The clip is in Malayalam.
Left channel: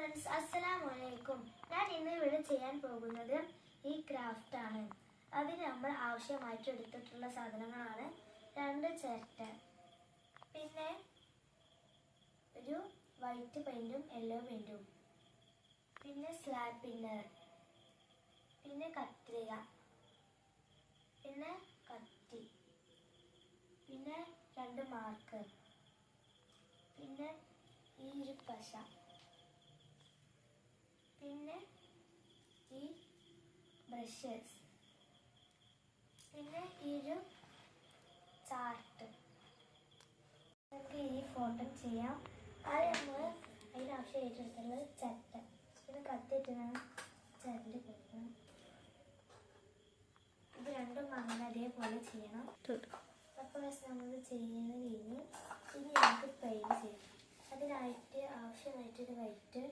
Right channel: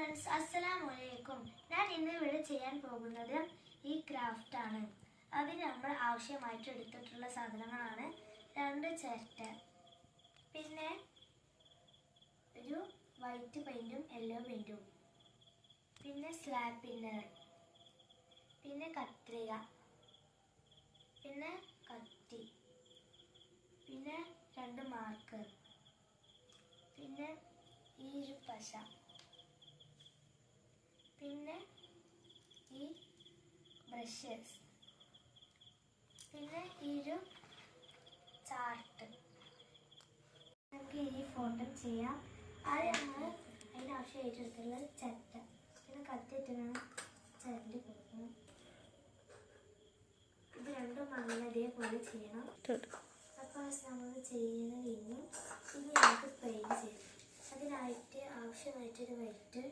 ഫ്രണ്ട്സ്, അസ്സലാമലൈക്കും. ഞാൻ ഇന്ന് ഇവിടെ ചെയ്യാൻ പോകുന്നത് ഈ ക്രാഫ്റ്റ് ആണ്. അതിന് നമ്മൾ ആവശ്യമായിട്ട് എടുത്തിട്ടുള്ള സാധനങ്ങളാണ് 2 ചിരട്ട, പിന്നെ ഒരു വൈറ്റ് പെയിന്റും യെല്ലോ പെയിന്റും, പിന്നെ സ്ലാബ് പിന്നർ, പിന്നെ കത്രിക, പിന്നെ കത്തി, പിന്നെ 2 മാർക്കർ, പിന്നെ ഈ ഒരു പശ, പിന്നെ ഈ ബ്രഷസ്, പിന്നെ ഈ ഒരു ചാർട്ട്. നമുക്ക് ഈ ഫോട്ടോ ചെയ്യാം. ആദ്യം നമ്മൾ അതിനാവശ്യമായിട്ടുള്ളത് ചിരട്ട, പിന്നെ കത്തിയിട്ടാണ് ചിരണ്ടി കൊടുക്കണം. ഇത് രണ്ടും അങ്ങനെ അതേപോലെ ചെയ്യണം. അപ്പോൾ നമ്മൾ ചെയ്യുന്ന കഴിഞ്ഞ് ഇനി നമുക്ക് പെയിൻറ്റ് ചെയ്യാം. അതിനായിട്ട് ആവശ്യമായിട്ടൊരു വൈറ്റ്